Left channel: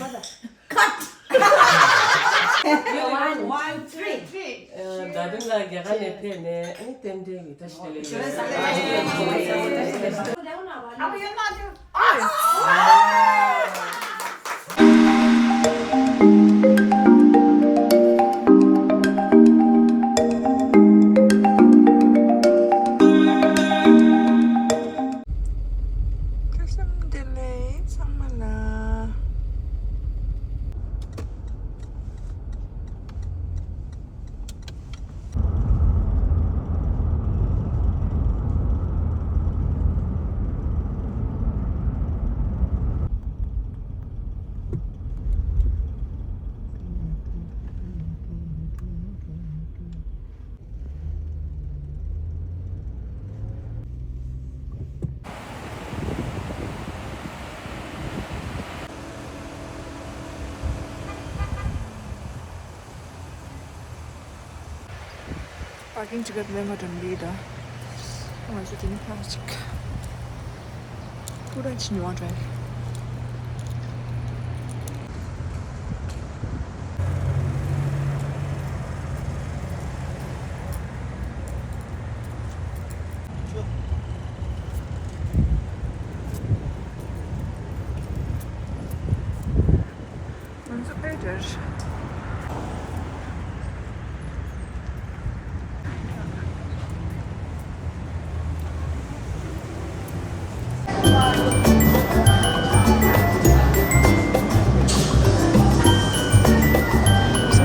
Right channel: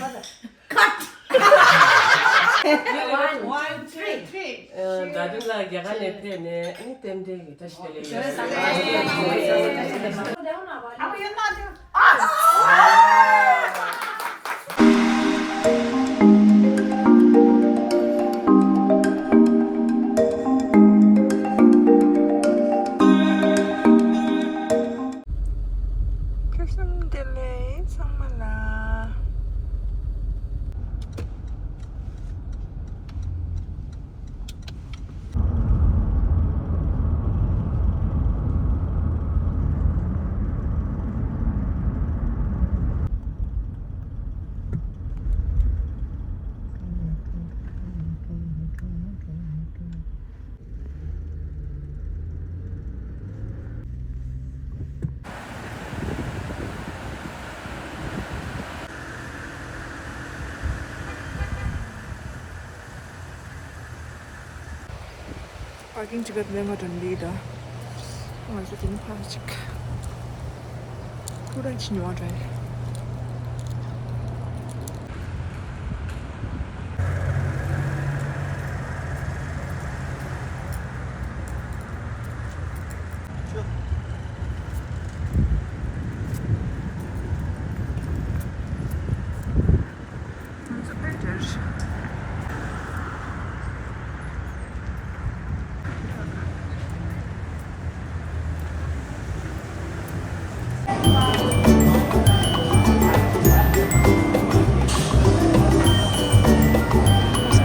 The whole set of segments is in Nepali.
맞아. One, three. 나중에 야간에 때문에 아니 때문에 다시 Abi yanına hadi. Kaşımdele samala. Parking juga terlemadan dida. Tangan sudah ini plastik. Kurang cinta aja. Nasıl beder?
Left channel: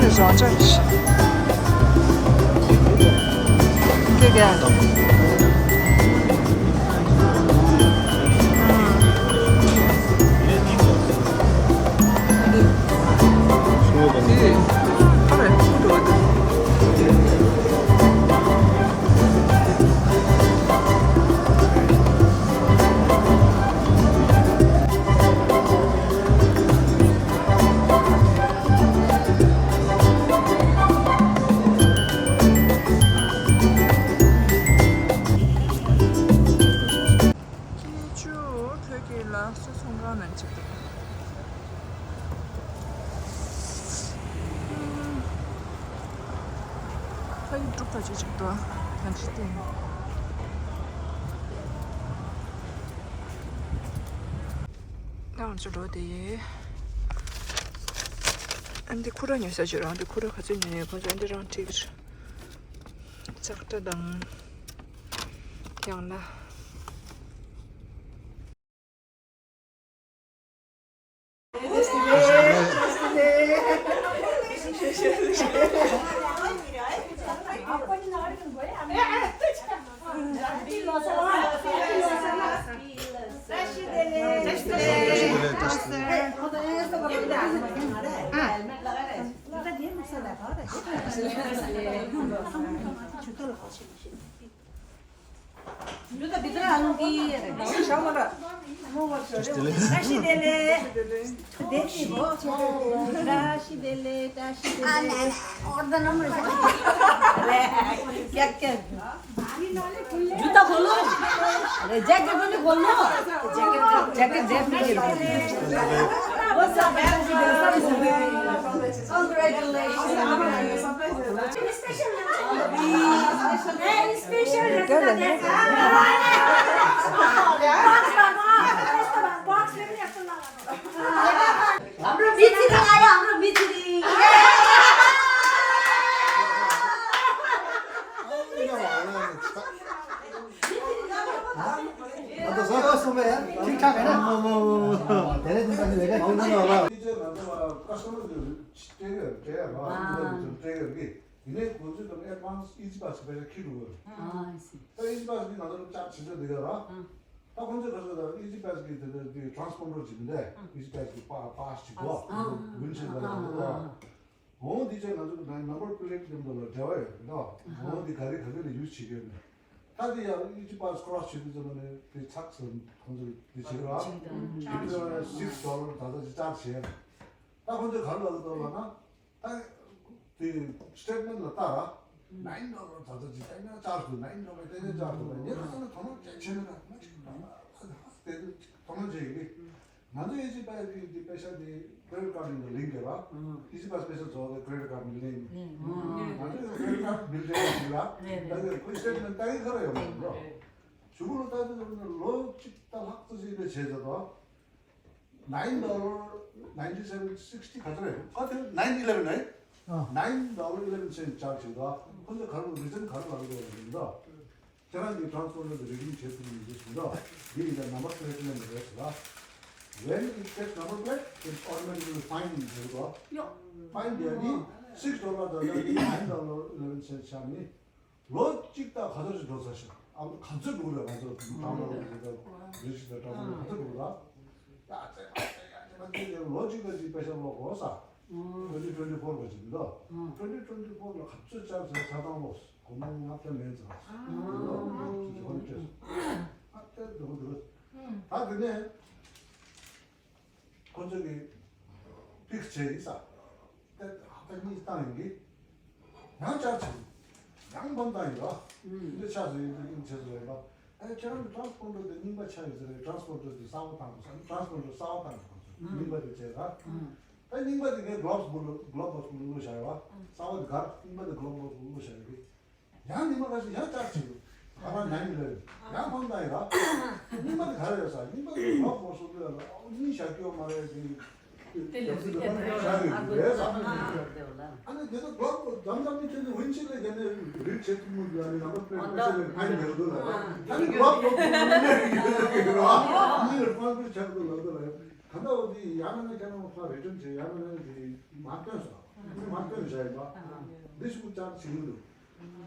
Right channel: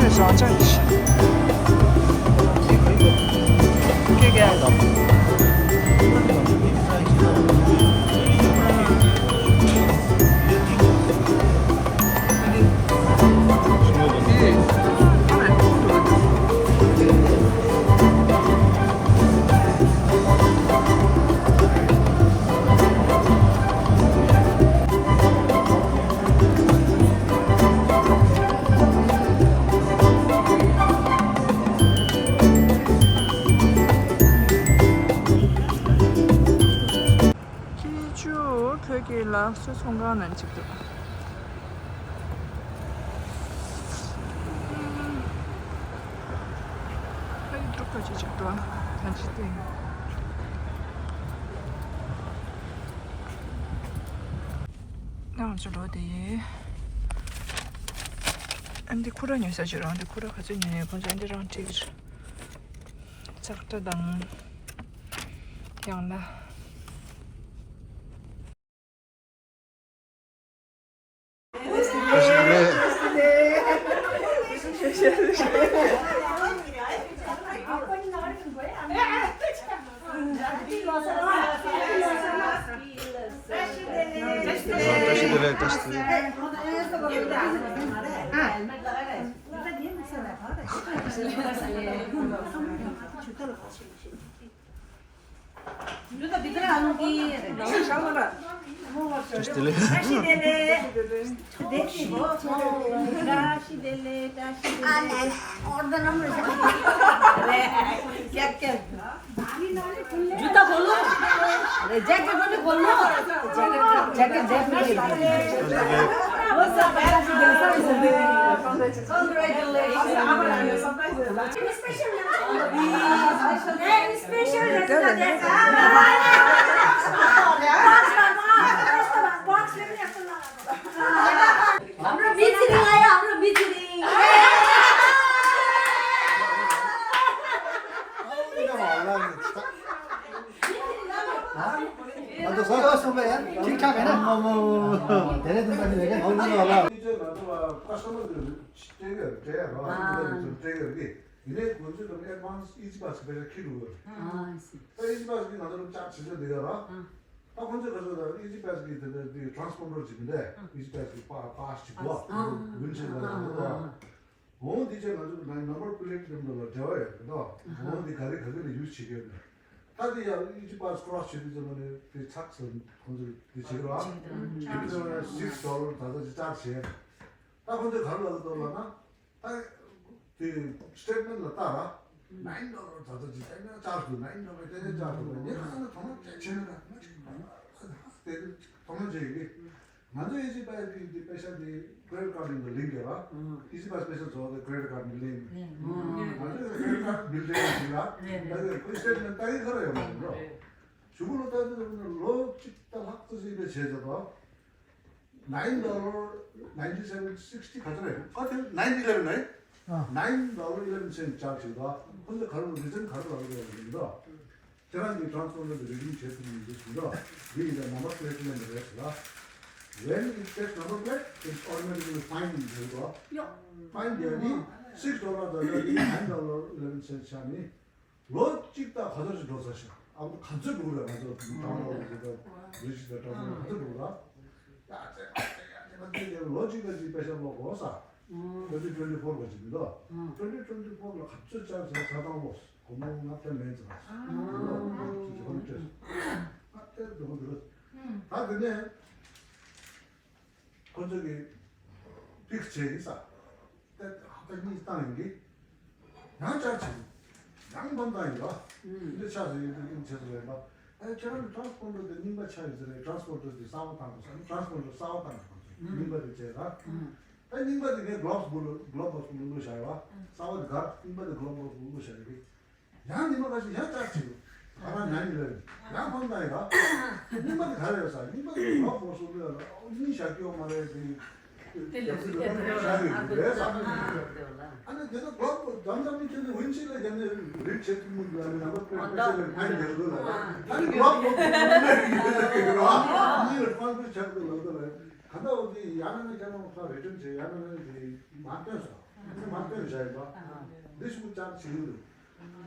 Musun zaten? Gel. 기주 벽이라 수송가는 집도. 여기 뚝까지 집도 단지 때. 나 저로 돼. 안데 쿠라니 사주라. 안데 쿠라 가지니 먼저 안데랑 되게 작다당 양나. Burada bir de hanım giyer. Raşidele. Raşidele. Anne, oradan ama. Gel. Juta kholo. Jacket bole kholo. Jacket definitely. हाम्रो बिचिरी आयो हाम्रो बिचिरी अन्त सबै सबै यार ठिकठाक हैन धेरै दिन पछि भेटे आउँदैन होला कस्टमर ट्रेगर ट्रेगर ट्रेगर की इन्हें कौन सी तुमने एडवांस इजी पास पे रखी हुई है तो इजी पास की नजर चार चीजें दिखा रहा अब कौन से कसो था इजी पास की ट्रांसफॉर्मर जिम्मे इजी पास की पास चिपवा विंडशील्ड वाला वो दीजिए नंबर प्लेट नंबर जाए ना वो दिखारी खरीद यूज चिके ताकि यार इजी पास क्रॉस चिपी जो मैंने ये छक्स कौन से दिखे रहा $6 था तो चार शेयर तब कौन से घर लगा तो ना 그 스테이트먼트 따라 $9 다들 지금 짜르고 $9 되는 짜르고 얘는 돈을 괜찮아. 때도 돈을 제기 먼저 이지바스의 패션이 크레딧 카드인 거 링크라. 이지바스 패션 저도 크레딧 카드 링크. 먼저 크레딧 카드 빌드가 나그 그 스테이트먼트 따위 걸어요. 주문을 따지면 로 찍다 확도지의 제조도 $9 9760 가져요. 같은 911 나이? $9.11 charge가 근데 가로 리전 가로 가게 되는데 제가 이 트랜스포머를 리딩 제품이 있습니다. 이게 넘버 플레이트는 그래서 when it gets number plate, it's automatically find 되고 find 되니 $6 달러니 $9.11 샤니 로 찍다 가져서 더 사실 아무 간접 누구라 가져 다운로드 리지터 다운로드 간접 누구라 야 제가 로직까지 빼서 먹어서 2024 가지고도 2024로 갑자기 자동 고마운 앞에 렌즈 앞에 너무 들었어 다 근데 건조기 픽스체 있어 갑자기 있다는 게 양짜치 양반다니까 근데 차서 이렇게 제대로 해봐 저는 트랜스포머도 님바 차이즈를 트랜스포머도 싸웠다고 트랜스포머도 싸웠다는 거죠 님바도 제가 님바도 그 글로브스 물로 샤와 싸워도 가 님바도 글로브스 물로 샤기 양 님바 가서 양짜치 아마 양이래 양반다니까 님바도 가려서 님바도 글로브스 물로 니 샤기오 말해 아니 내가 그 남자분께서 왼쪽에 되는 릴 제품을 하는 아마 프레스를 많이 내거든. 아니 그거 이걸 포함해서 잡고 넣거든. 간다 어디 야면에 가는 거 레전드 야면에 맞던서. 맞던 잘 봐. 대신 장 지금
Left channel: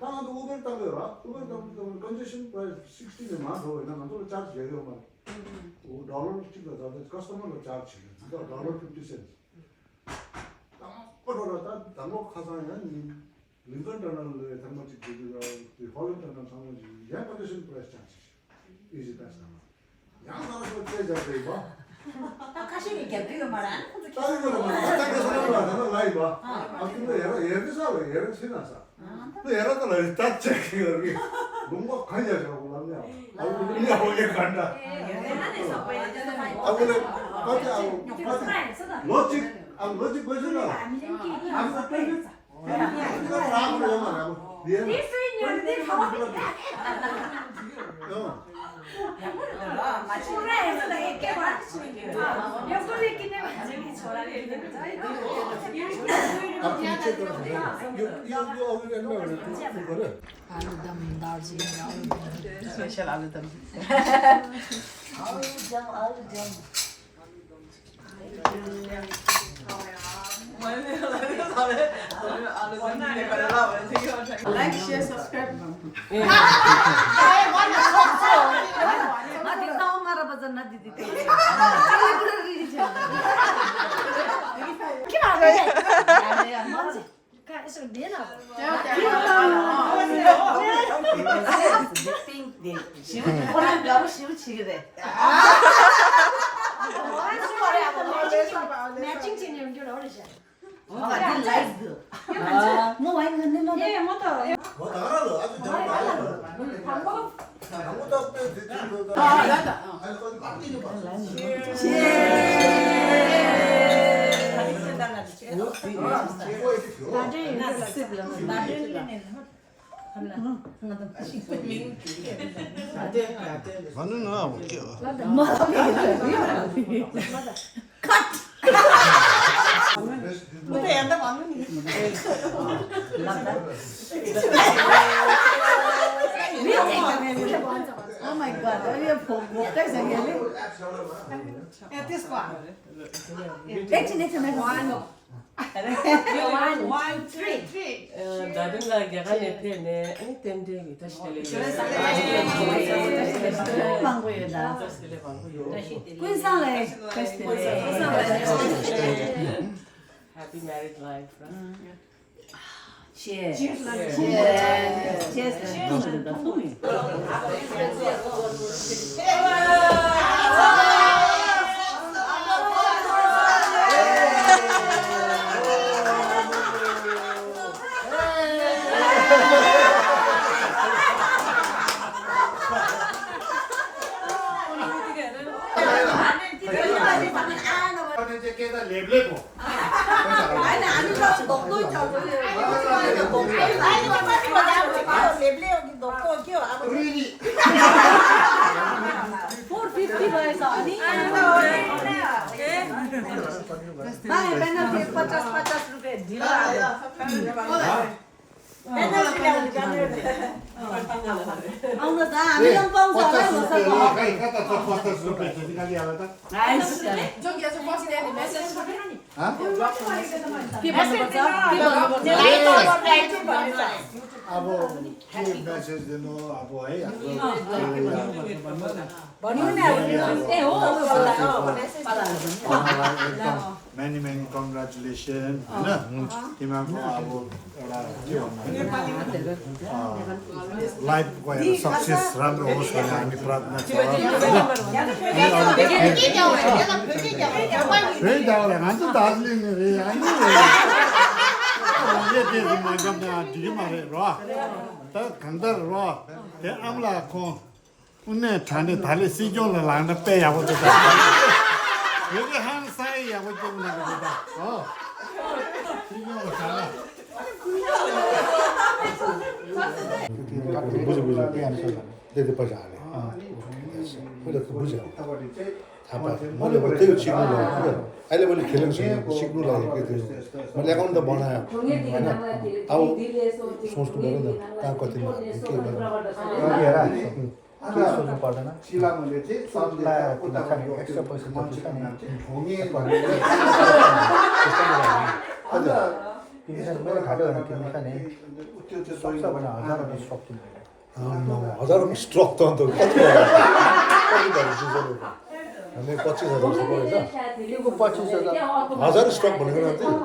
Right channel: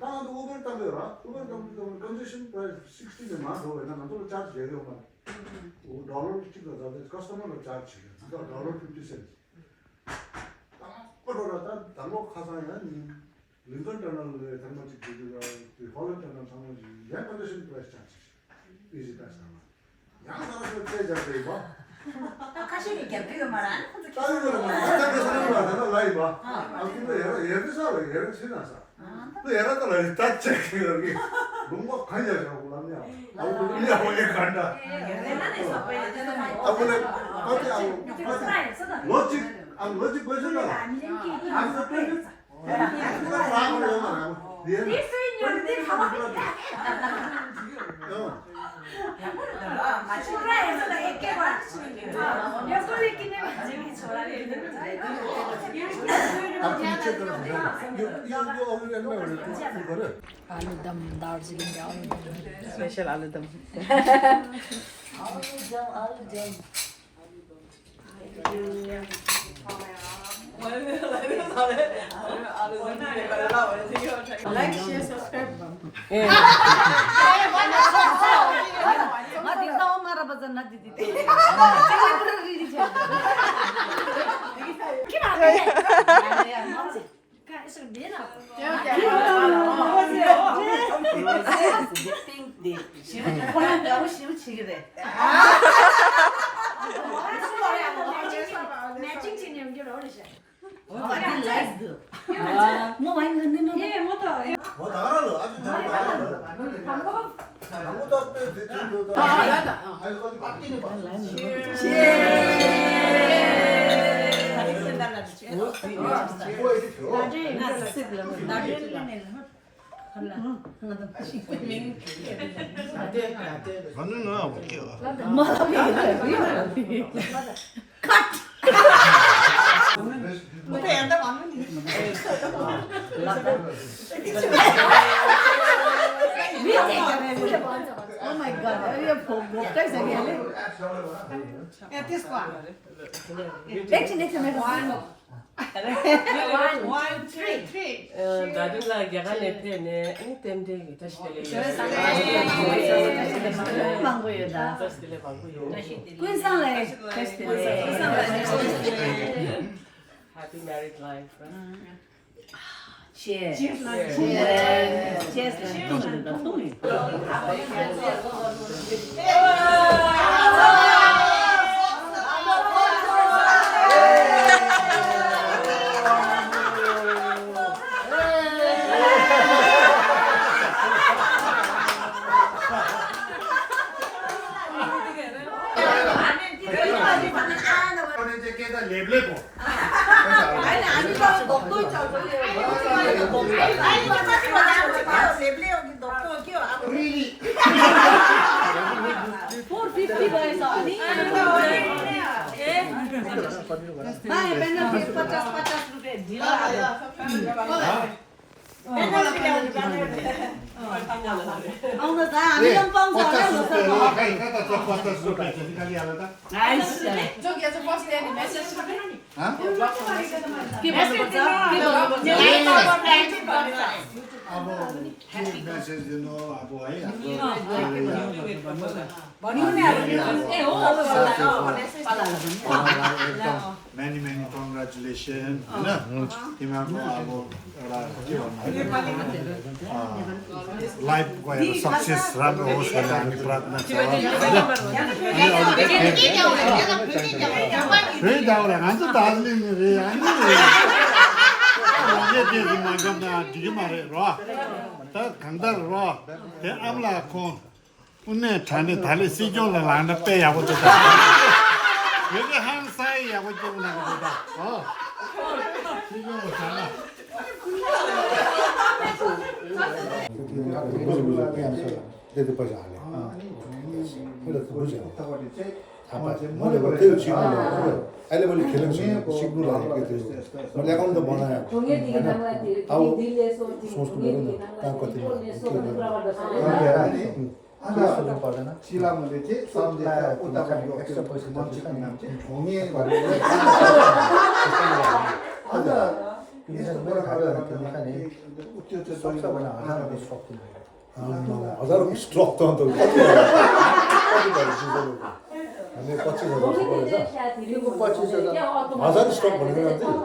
나도 우버 땅이라. 우버 땅은 컨디션 프라이스 60만 더 있나 나도 차지 해요만. $1 찍어서 커스터머로 차지. $1.50. 그러다 당고 가상에는 링컨 터널에 담아지 되기가 홀런 터널 상황이 양 컨디션 프라이스 차지. 이제 다시 양 가서 제자 봐. 가시게 개피가 말안 다른 거는 딱딱한 사람을 하잖아 라이브. 아 근데 얘가 신나서. 또 얘가 또 라이브 딱 체크 여기 뭔가 관여하고 남냐. 아우 우리 아버지 간다. 아버지 아버지 로직 로직 버전아. 아무 때는 라고 하면 얘는 스페셜 알루담. Like, share, subscribe. 나 디사 엄마라 버전 나 디디 셀레브리티 제 뭐 많이 했는데 예, 뭐도. 뭐 나가라 아주 잘 나가라. 아무도 앞에 대충 너 아니 거기 바뀌는 거. 맞는 거야 웃겨. 못해, 안다 맞는 Oh my god, ये भोग कैसे गया ले? This one. Next मैं One, three. 나들라 야간 옆에네 아니 땜대기 다시 들려. 망고요다. 다시 들려 방고요. 군산에 테스트네. Happy married life. Cheers. Cheers. Cheers. चाहिँ के त लेब्लै पो होइन हामी धोक्दै छ लेब्ले हो कि धोक्को हो के हो अब 450 भएछ अनि पेनल्टी 50 रुपियाँ ढिलो आउनु त हामीले पनि पाउँछ होला नि खै कता 50 रुपियाँ चाहिँ निकालिहाल्यो त के भन्नुपर्छ अब के मेसेज दिनु अब है ए हो एकदम मेनी मेनी कङ्ग्रेचुलेसन होइन तिमीहरूको अब एउटा के भन्नु लाइफको एउटा सक्सेस राम्रो होस् भन्ने हामी प्रार्थना छ फेरि दाउरा खान्छ दार्जिलिङ रे ये देखो मागम ना दिखे मारे रो त खंदर रो ते अमला को उन्ने ठाने थाले सीजो ला लांडा पे या वो तो ये के हम साई या वो जो ना को दा हो सीजो ला बुझ बुझ के हम से दे दे पर जाले बुझ बुझ मैले त्यो सिक्नु अहिले मैले खेल्नु सिक्नु लागेको थियो मैले एकाउन्ट त बनाएँ अब सोच्नु पऱ्यो नि कहाँ कति सोच्नु पर्दैन सिलामले चाहिँ सबजना उतापट्टि एक्स्ट्रा पैसा मान्छेको नाम चाहिँ ढोङ्गे भनेर मेरो खाताहरू किनेका नि त्यो चाहिँ सोच्छ भने 1000 रुपियाँ स्टक किन्छ 1000 रुपियाँ स्टक त अन्त कति हामी 25,000 परेछ 25,000 स्टक भनेको चाहिँ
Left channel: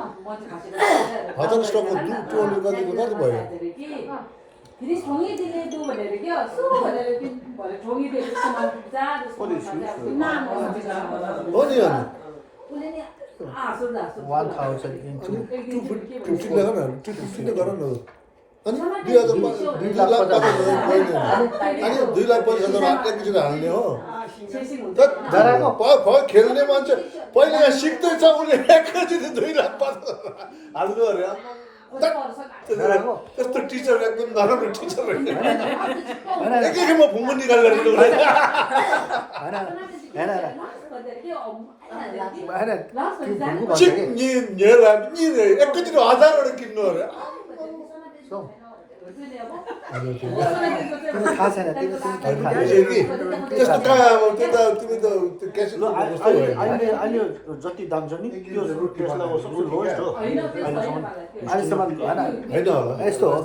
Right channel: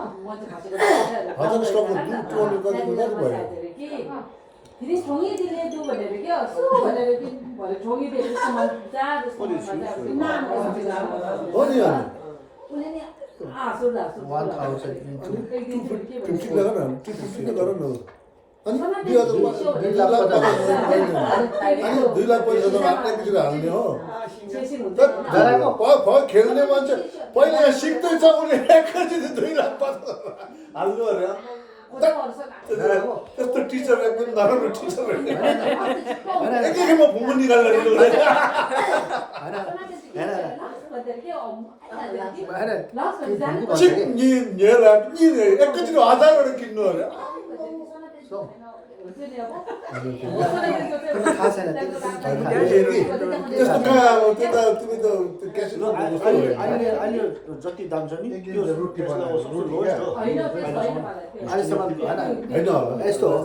1000 स्टकको 200 कति भयो खेल्ने मान्छे पहिला सिक्दैछ उसले एकैचोटि 2 लाख हाल्नु अरे कस्तो टिचर एकदम नराम्रो टिचर एकैखेपमा भुङ्गो निकालेर चिप एकैचोटि 1000 किन्नु अरे अहिले जति दाम छ नि त्यो टेस्ला सबसे लोएस्ट हो अहिलेसम्म यस्तो हो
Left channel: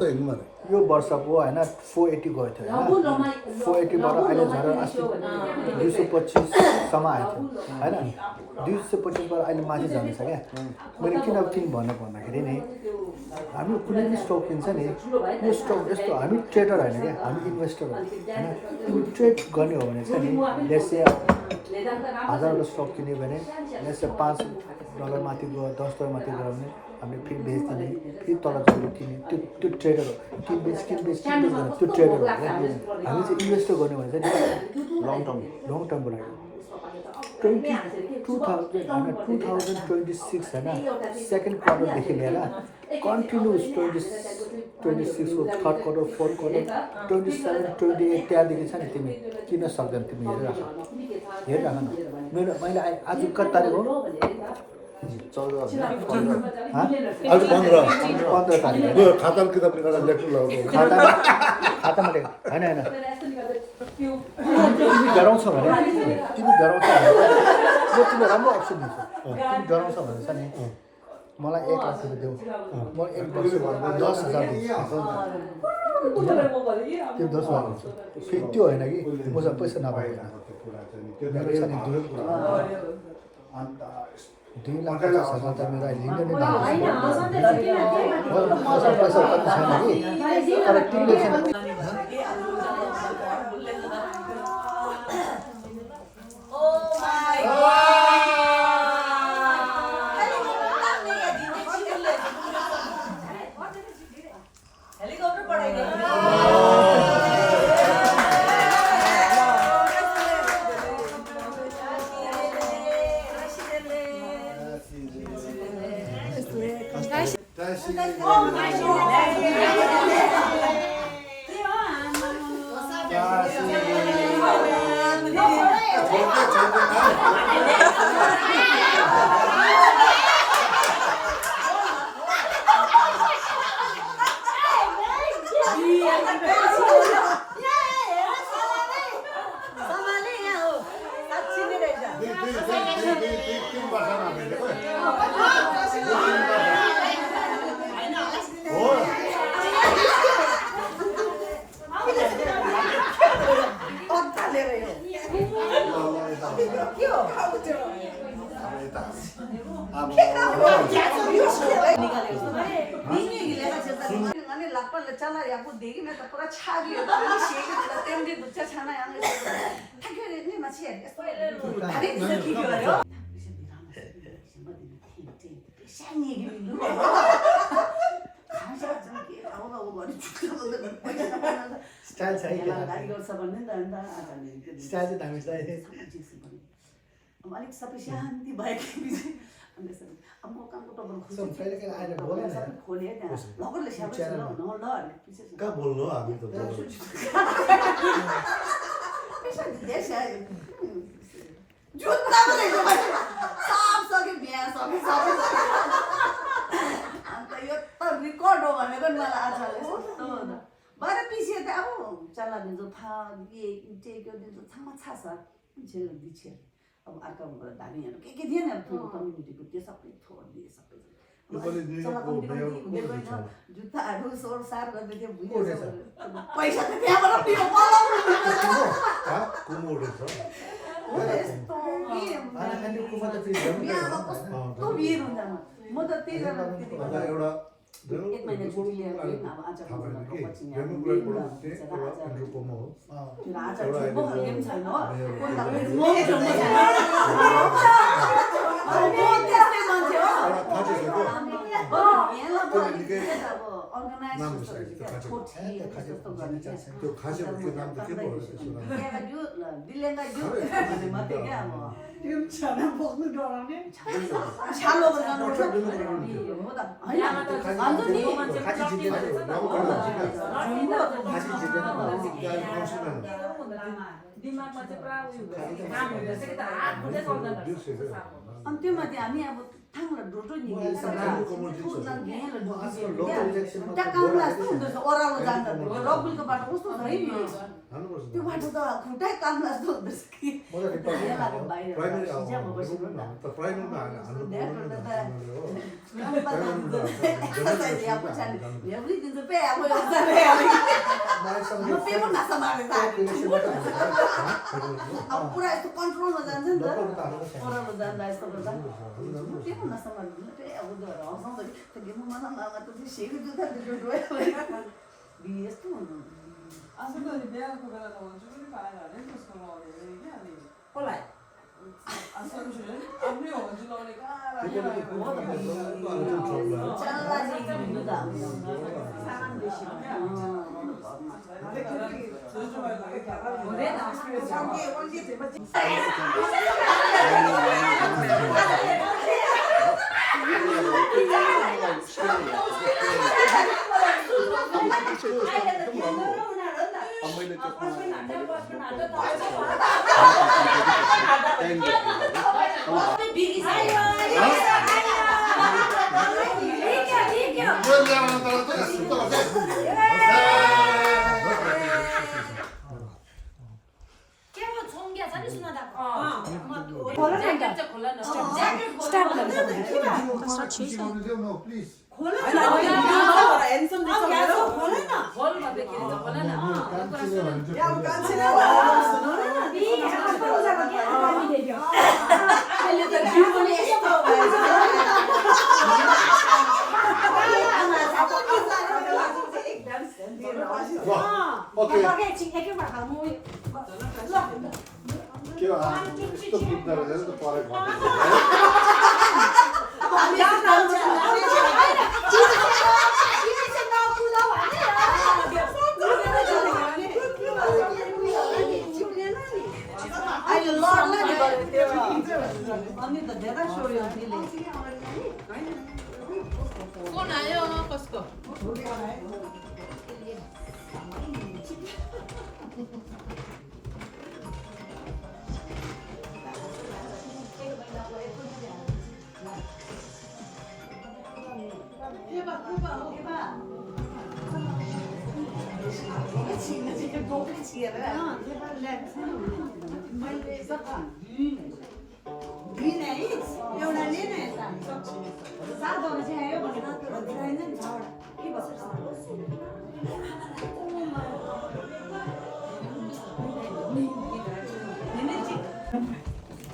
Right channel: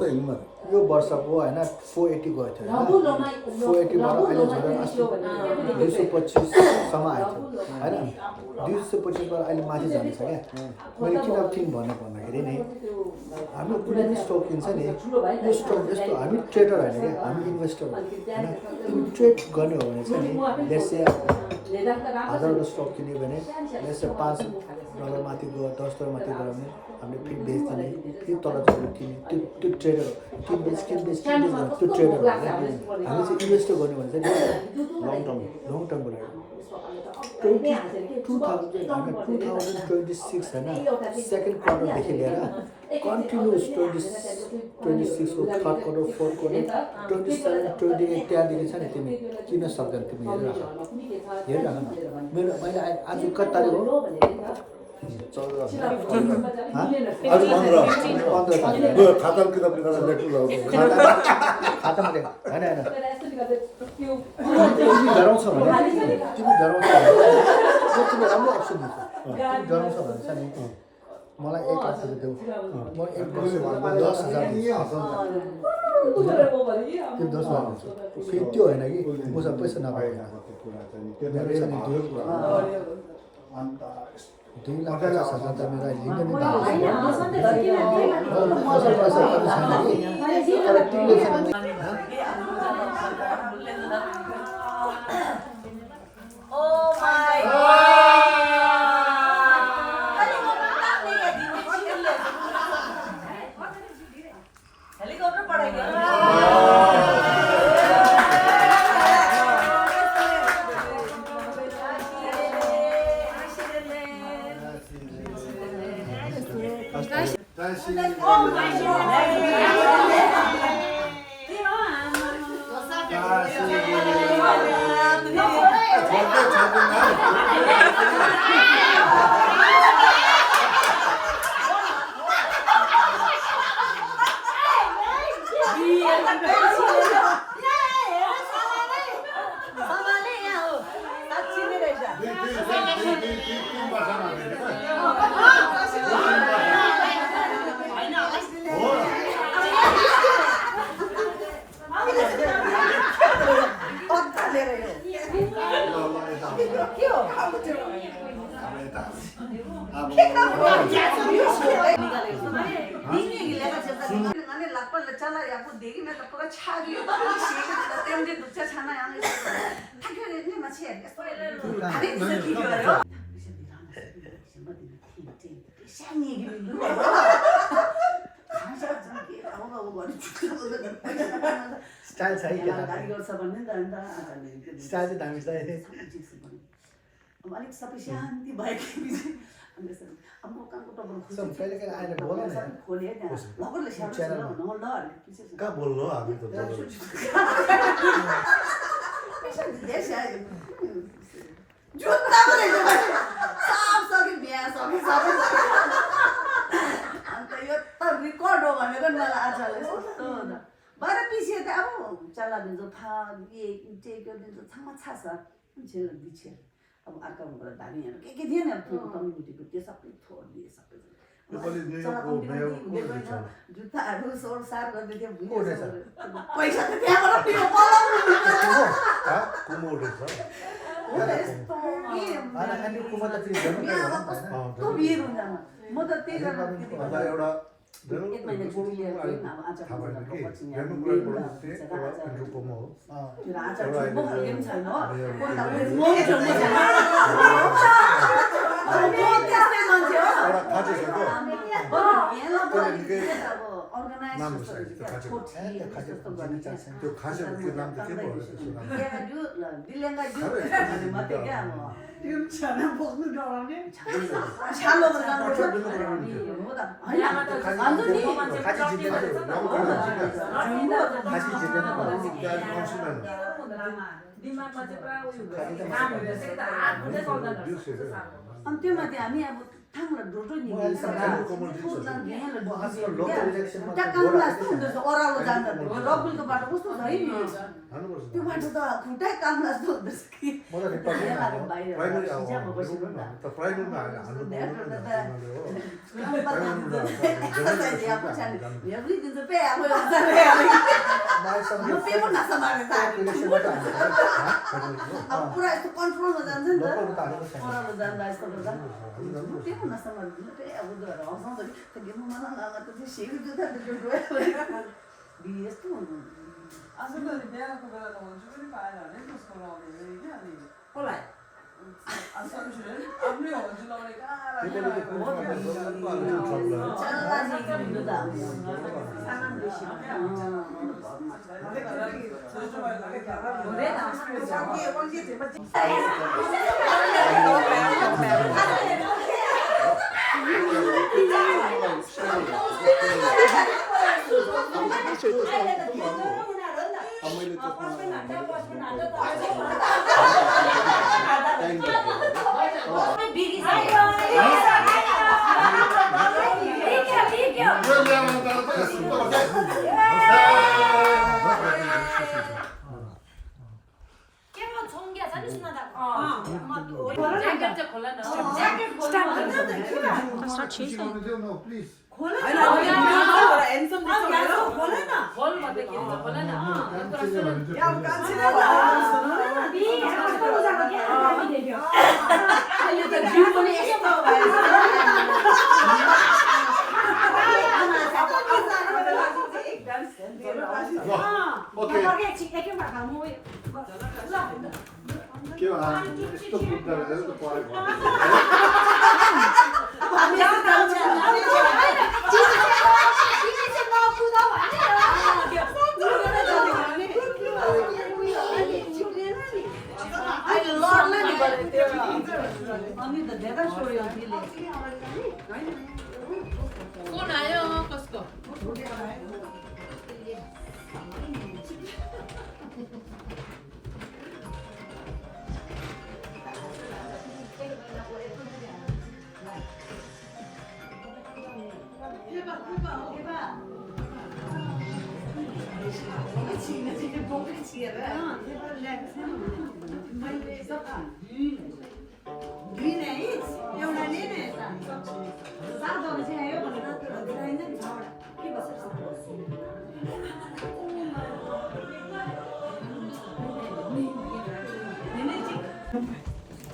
यो वर्षको होइन 480 गएको थियो 480 बाट अहिले झरेर 225 सम्म आएको थियो होइन 225 बाट अहिले माथि जान्छ क्या मैले किन टिम भन्नु भन्दाखेरि नि हामी कुनै पनि स्टक किन्छ नि यो स्टक जस्तो हामी ट्रेडर होइन क्या हामी इन्भेस्टर होइन ट्रेड गर्ने हो भने चाहिँ नि लेट्स 1000 को स्टक किन्यो भने लेट्स $5 माथि गयो $10 माथि गयो भने हामीले फेरि बेच्ने फेरि तल चढ्यो त्यो ट्रेडर किन बेच त्यो ट्रेडर हो हामी चाहिँ इन्भेस्टर गर्ने भने चाहिँ लङ टर्मबाट 2026 होइन सेकेन्ड क्वार्टरदेखि लिएर कन्टिन्युस 26 को थर्ड क्वार्टर फोर्थ क्वार्टर 27 28 त्यहाँदेखि छ नि तिमी किन सक्दैन तिमी हेर न मैले आज कति तारिक हो 14 आज 15 तारिक यो खाता किताब निकालेर लेख्नु खातामा होइन तिमी डराउँछ भने यो तिमीलाई राम्रो अप्सन दिन्छ तिमी डराउँछ भने चाहिँ नि मलाई 1 लाख रुपियाँ देऊ म 1 10,000 त्यो 10 लाख हुन्छ फेरि त्यो होइन कि मसँग पैसा नपाएका त्यो अन्त 2 लाख 50,000 त मेरो अहिले लिनु नै मसँग पैसा कति छैन कि तर तिमीले स्टाइल छ है स्टाइल चाहिँ दामी छ है अलिक सबै शान्ति भएपछि अब म कामको टबर सब कहिले कहिले आएर बोल न सबै खोले त्यहाँ लगरले स्याहार ल कहाँ बोल्नु हामी त जुत्ता पनि सब सबै बिहा सबै सबै अन्त यो त रेकर्ड हो भनेको नि मलाई आजले कस्तो भएर पिछे त अब चल्ला दिन्छ था ये टेक दिन्छ थामा छ सर झेल दिछे अब अर्काबाट धानीहरू के थिएन अब कम्युनिटीको त्यो सबै छोडिदिए सबै जुत्ताहरू सोरसार गर्दै थियो पैसा त त्यहाँबाट पिरो पलाउनु कस्तो भिड हुन्छ म त त्यही एउटा एक महिना छुट्टी लिएर अब आज त्यो खासेको के नाम त के भयो अन्त्यमाथि हामी अब थाङलाई ढोटो ओह्रालो जान्छ रगुलको बाटो कस्तो छ है नि त्यो बाटो त खुट्टै काम जस्तो हुँदैछ कि अब पुरा यस्तो कन्ट्रोलमा जान्छ नि त ओह्रालो जाँदा यस्तो गर्दा यस्तो हुनु आजकल बिहाको बेला त हुन्छ पनि पाएन भने त्यसको लगाउने कि अनि कसलाई आफ्नै हुन्छ लगाउने कहाँ अनि त धेरै सोयो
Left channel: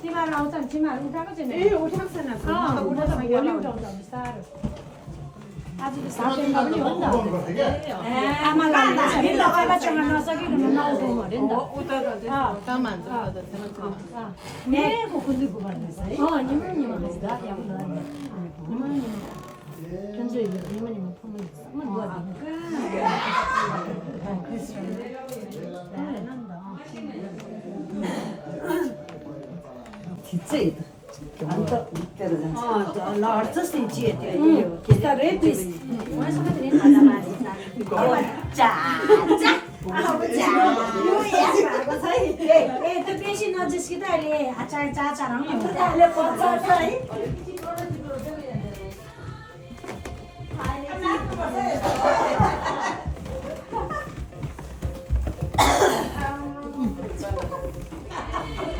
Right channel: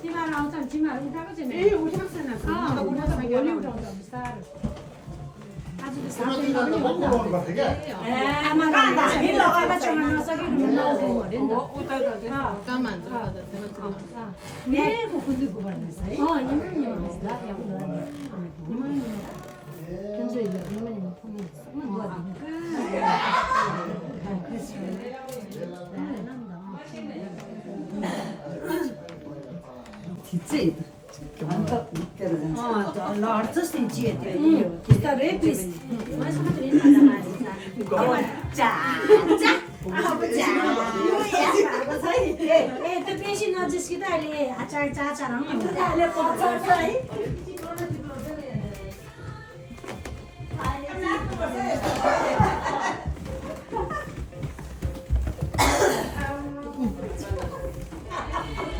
तिमीहरू आउँछ नि तिमीहरू उठाएको छैन ए उठाएको छैन आज त साथै पनि हो नि त आमालाई हामी लगाएर चढ्न नसकिकन नउठाउनु अरे नि त ए खुल्लीको भन्दैछ है Ticei. Anta inteira. लड्छस् नि चिया त्यो Ficarei triste. ए त्यो बेसी नजिस्किँदा अहिले अचार चाचार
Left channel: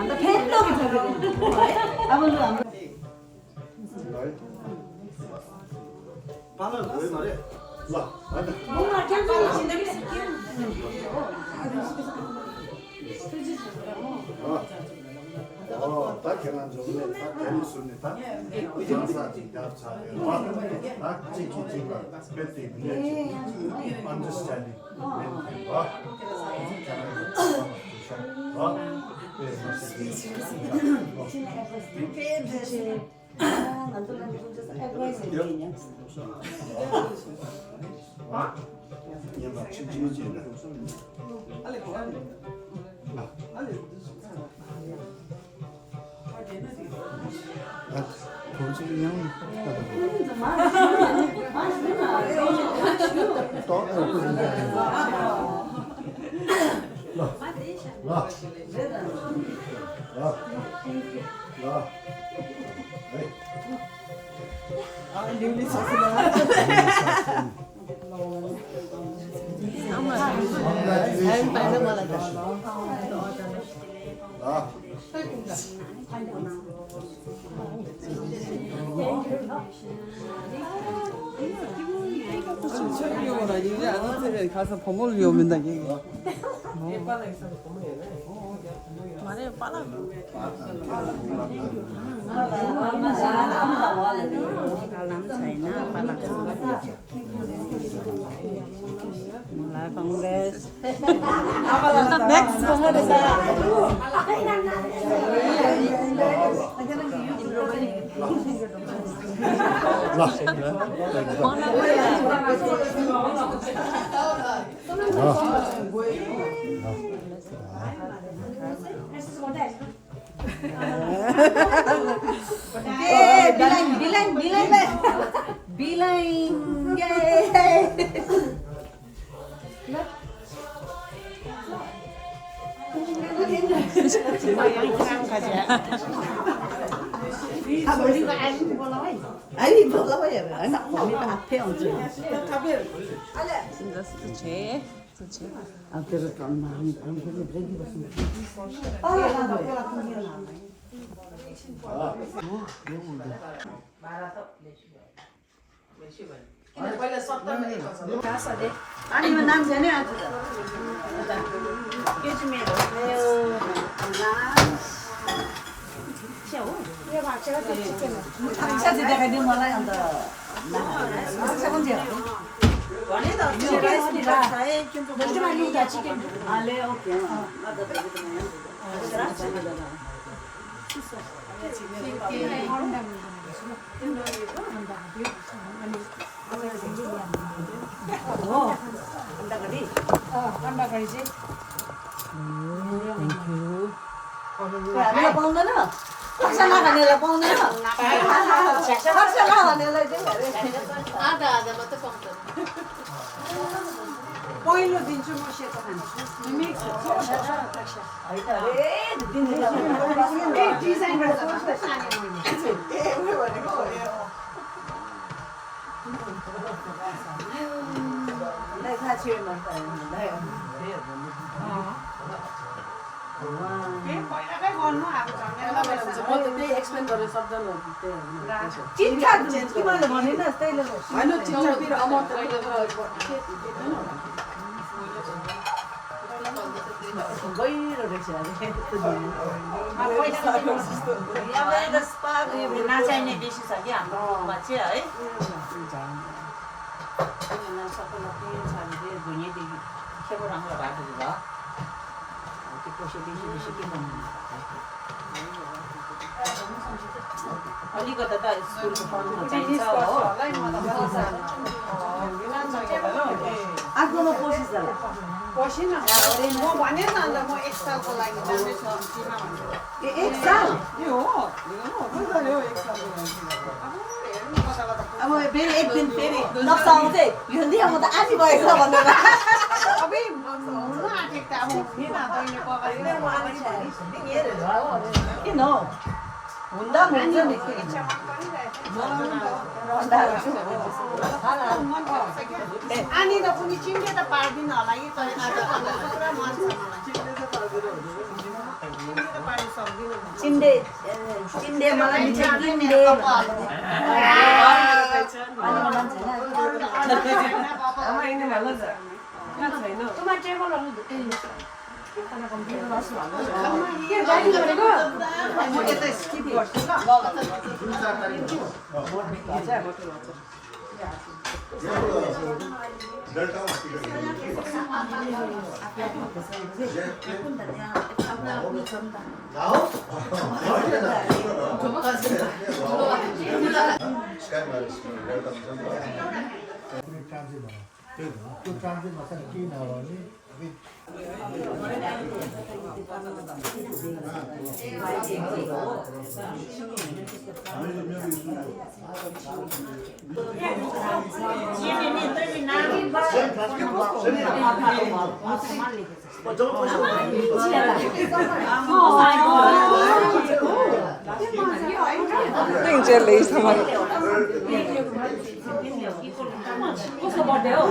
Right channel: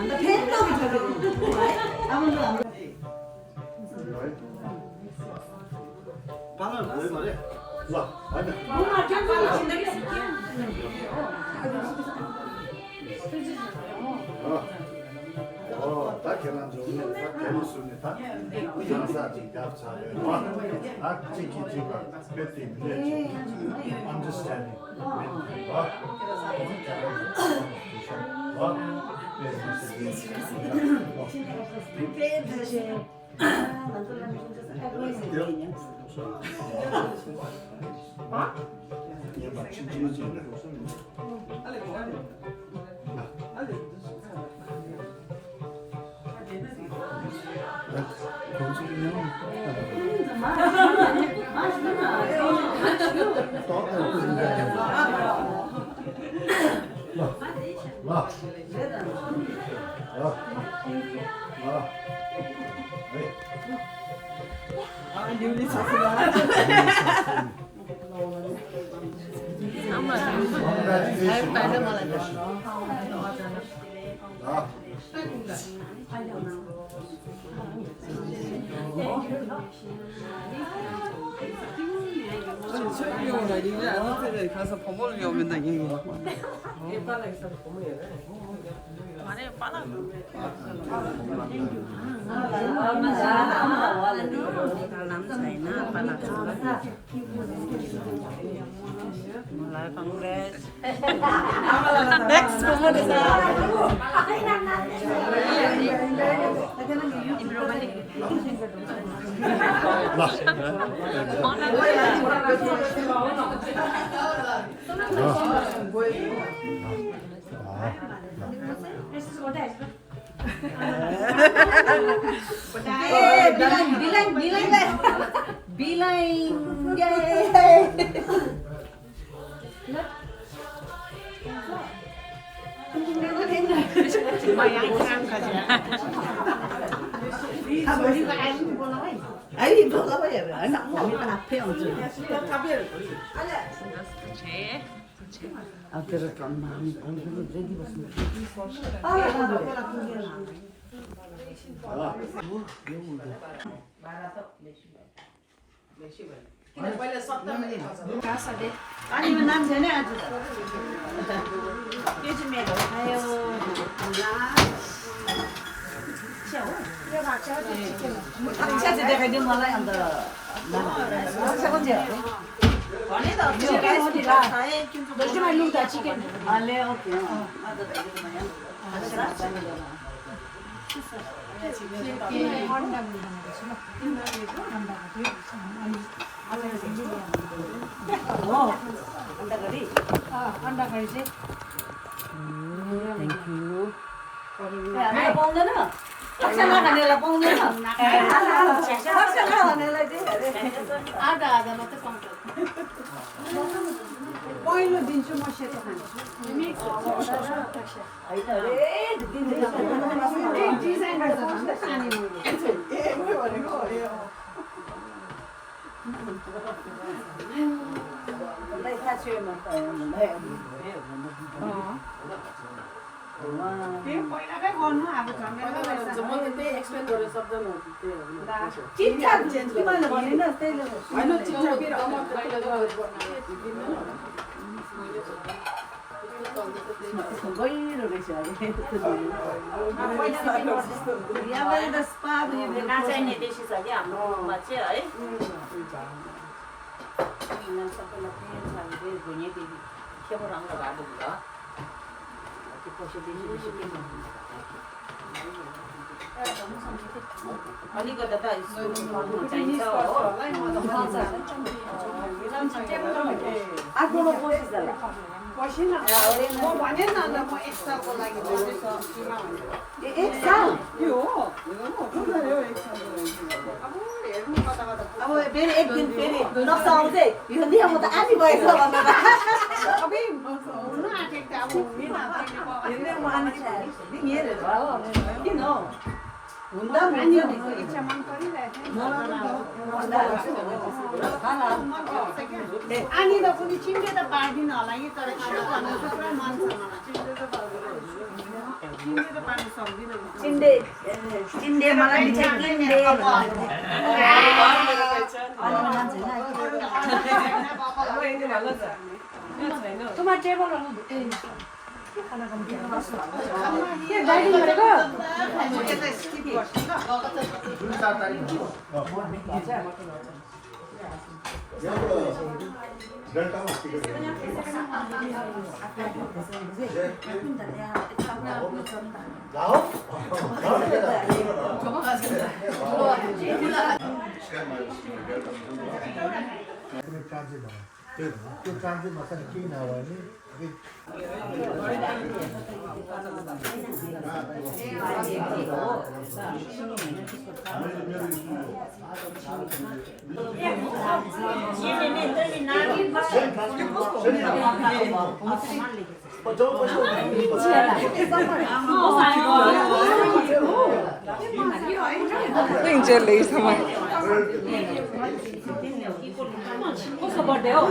Anda pendo que Vamos lá. पालन भयो मरे ल हैन ता खेलान जोड्ने ता खेल्नु सुन्ने ता जान्छ जिगाप छ ता चिकी चिका बेति ने understanding 철경으로 이제 아무튼 가서 봉을 위험한다 이거. Aí, bola vai era. Não, me dá pena. 아니면 난 전에 아주. 요즘에 당시한테 내가 네 몰라요, 너. 세 번째. 아, 네, 오케이. 내가 먹는 거. 박살나 가내라 먹는 거. 박살나 가내라 이제. आधा मात्र पाउँछ पहिलो दिन्छु म सेतो खान्छु डिजाइन थाहा थियो त्यही एक्सप्लेन गरेर सक्दैन त्यही चिट्ठा तिमीले भनेन त्यही होइन चिट्ठा फेरि अब गइरो रहेछ नचाहिने बेसी छ कि हाम्रोमा चाहिँ है सबैलाई के छ भने भुइँदेखि खेपो राम्रो भएको थियो त्यो पैसा बेसी बेसी के भन्नु अलिकति त स्कुलको पढ्नु चाहिन्छ हो आफ्नोमा कोसिस गर्ला पसिन म भने न अन्त म एक सालको लागि जाँदैछ एक साल यो हो यो एक सालको लागि अब हेर्नु कता कता अब फेरि एक दिन फेरि नक्सा आउँदै यो नि म त आधी गएको छ भनेर अबै हुनु आँटेको त अब हुने न तैँले किन हौ हुँदा हुन्छ नि इच्छा मन परिरहेको आनी त पनि चिन्डे त पार्दिनँ होला कि तर आज पुरा मन छ चिन्डे त पार्नु सक्दिनँ चिन्डे चिन्डे मलाई मिठो किन्डे तुम्हारा टेबल वाला त्यो ट्रान्जिट नसन केही नभयो भने उसको बर्थडे हो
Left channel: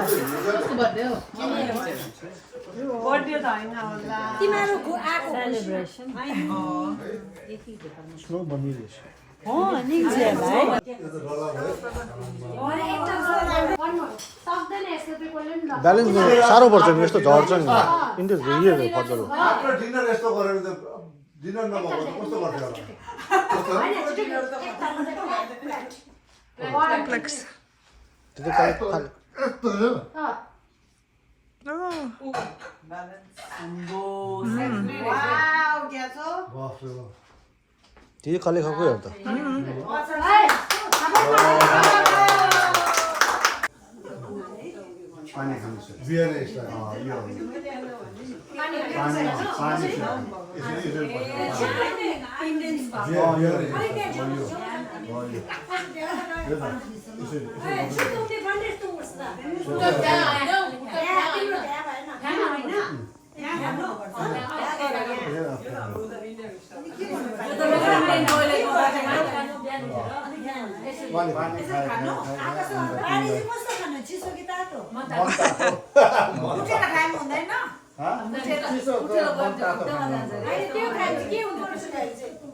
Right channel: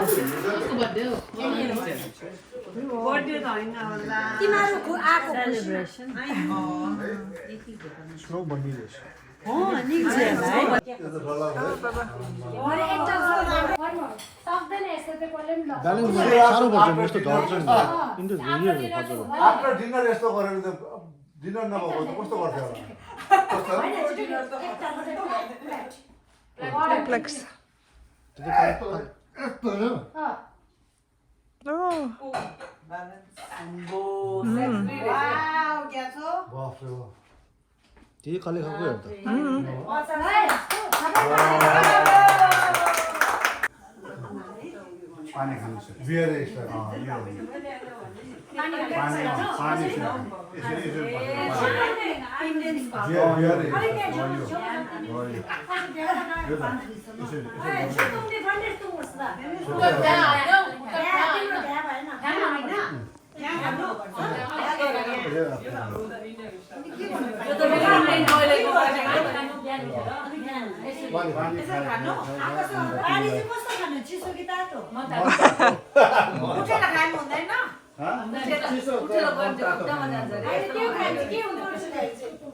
बर्थडे त होइन होला तिमीहरूको आएको सेलिब्रेसन स्लो बनिरहेछ हो नि चाहिँ ब्यालेन्स साह्रो पर्छ नि यस्तो झर्छ नि इन्टु भेरिएबल फजल आफ्नो डिनर यस्तो गरेर त डिनर नभएको कस्तो गर्थ्यो कम्प्लेक्स त्यही खाले खाएको हेर त पानी खानु बियर यसो यो पानी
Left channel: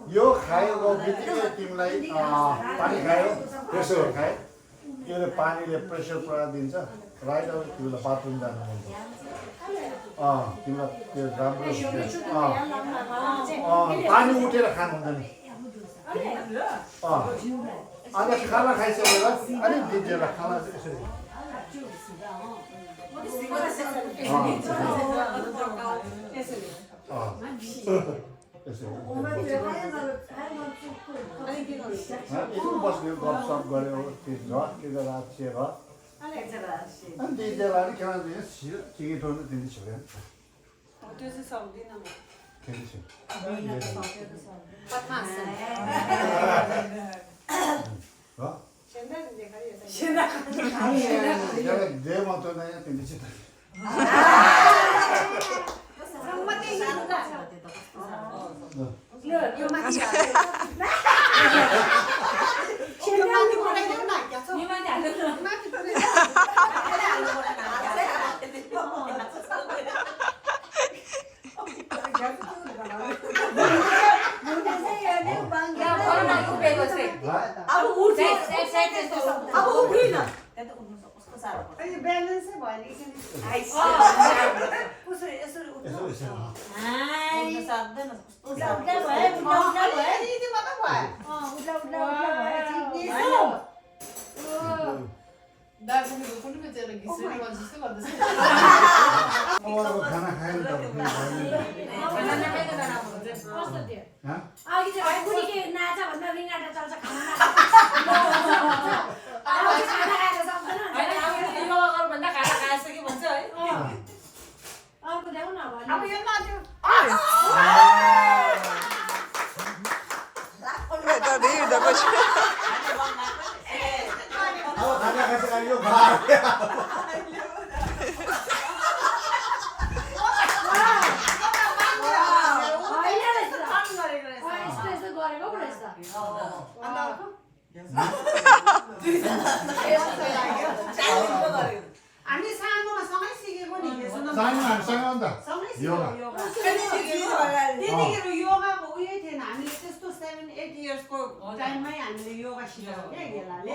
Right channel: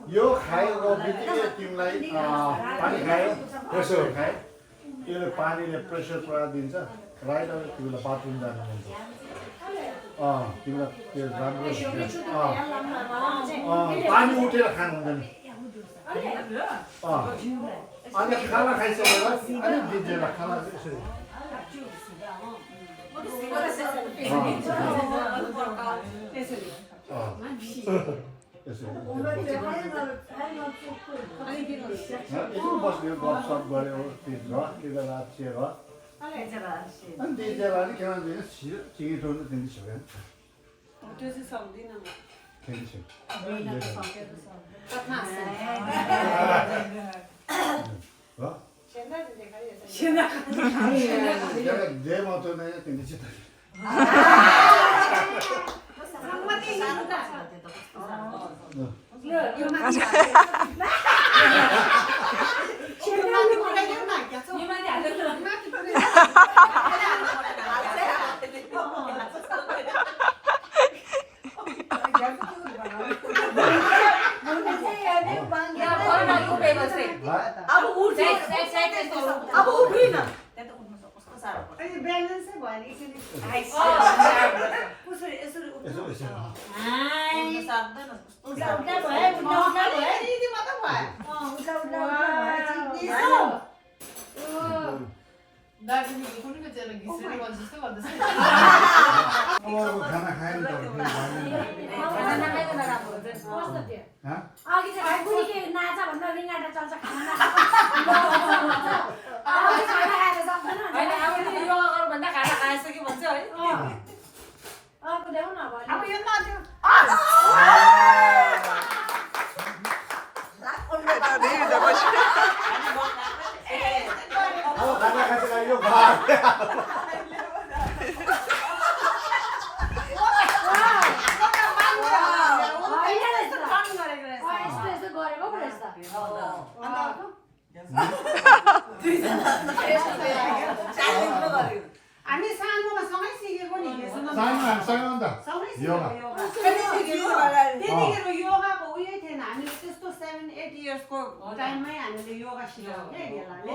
यो खाएको बित्तिकै तिमीलाई पानी खायो प्रेसर खायो त्यसले पानीले प्रेसर पुरा दिन्छ राइट अब तिमीलाई बाथरुम जानु मन पर्छ तिमीलाई त्यो राम्रो पानी उठेर खानु हुँदैन अनि खाना खाइसकेर अलिक दिन्छ खाना यसरी बस्यो गफसफ गऱ्यो त्यो रात छिएर अनि दिदीलाई अलिक केमा दिनुहोस् चिकी ठोक्नु दिँदै छिर्यो त्यो चाहिँ सक्दिनँ जे मात्र नै तिमी चाहिँ Bangga अब उठे अब उठिन अनि ब्यालेन्सै भएन एकछिन कसरी यसरी उठ्नु यति मात्र भयो दार्जिलिङको कुनै चेला घिसेर भन्छ जस्तो गर्दैछ अब खाना खाएर त कस्तो थियो हाँ? अघि चाहिँ बुढीले नाचा भन्दा रिङ्गाटा चल्छ खाना खाना खाएर सक्दैन होइन अब योगा गर भन्दा खाना खाइसक्यो भन्छ है अर्को ल्याउ न अब यो माथि अब खाना खाइसक्यो यो खा यस्तो यस्तो गरेको पो रहेछ हामी सानोमा सँगै सिकेको नि सानो हामीसँग अन्त योगा त्यतिखेर योगाको उयो थिएन हामीले त्यस्तो 7-8 इयर्सको टाइममै हामीले योगा सिकाएको क्या गेलाले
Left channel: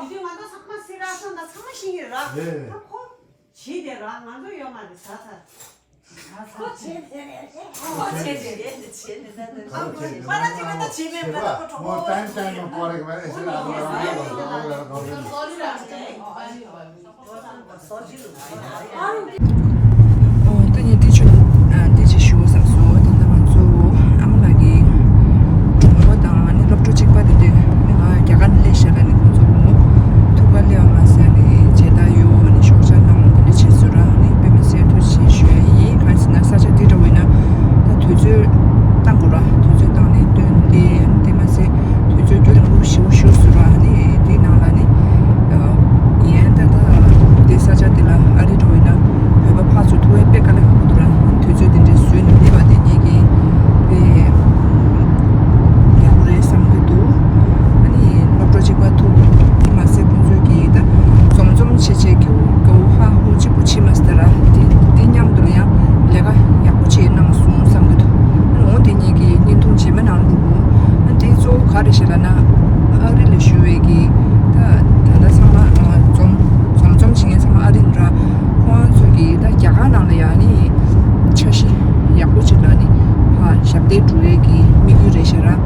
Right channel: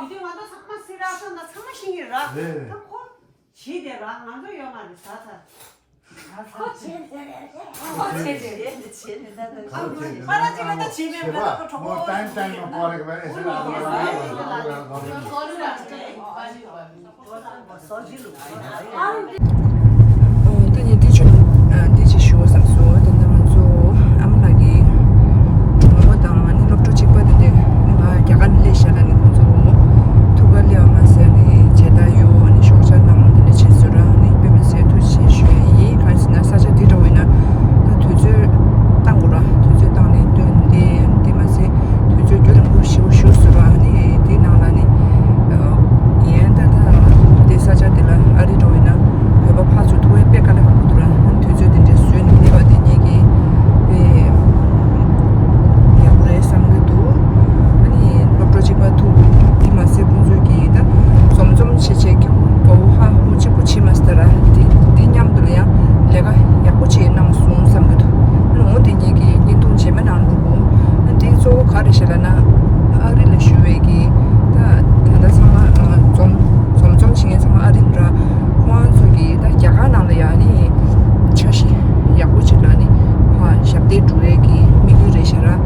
दिदीमा त सबै सिराउँछ नि त सबै सिकेर छिदेर नजो योगाले छ म टाइममा परेको भए यसरी Tanya di show sang so dan naman so am lagi mo tang ani lokto chik pa de nga kyakan le shala ni so mo tuga le ma se ni cheda yo ani shoja nam ni chesura ni pe me se to chi shue yi kan sina sa cha di ro ina ta tu ju tang ura tu ju tang ni de de ma se tu ju ju ru shu sura ni di na la ni yen ta de sa cha de la ari ro ina pe ba pha su tu e pe ka le Shabde druegi migure shara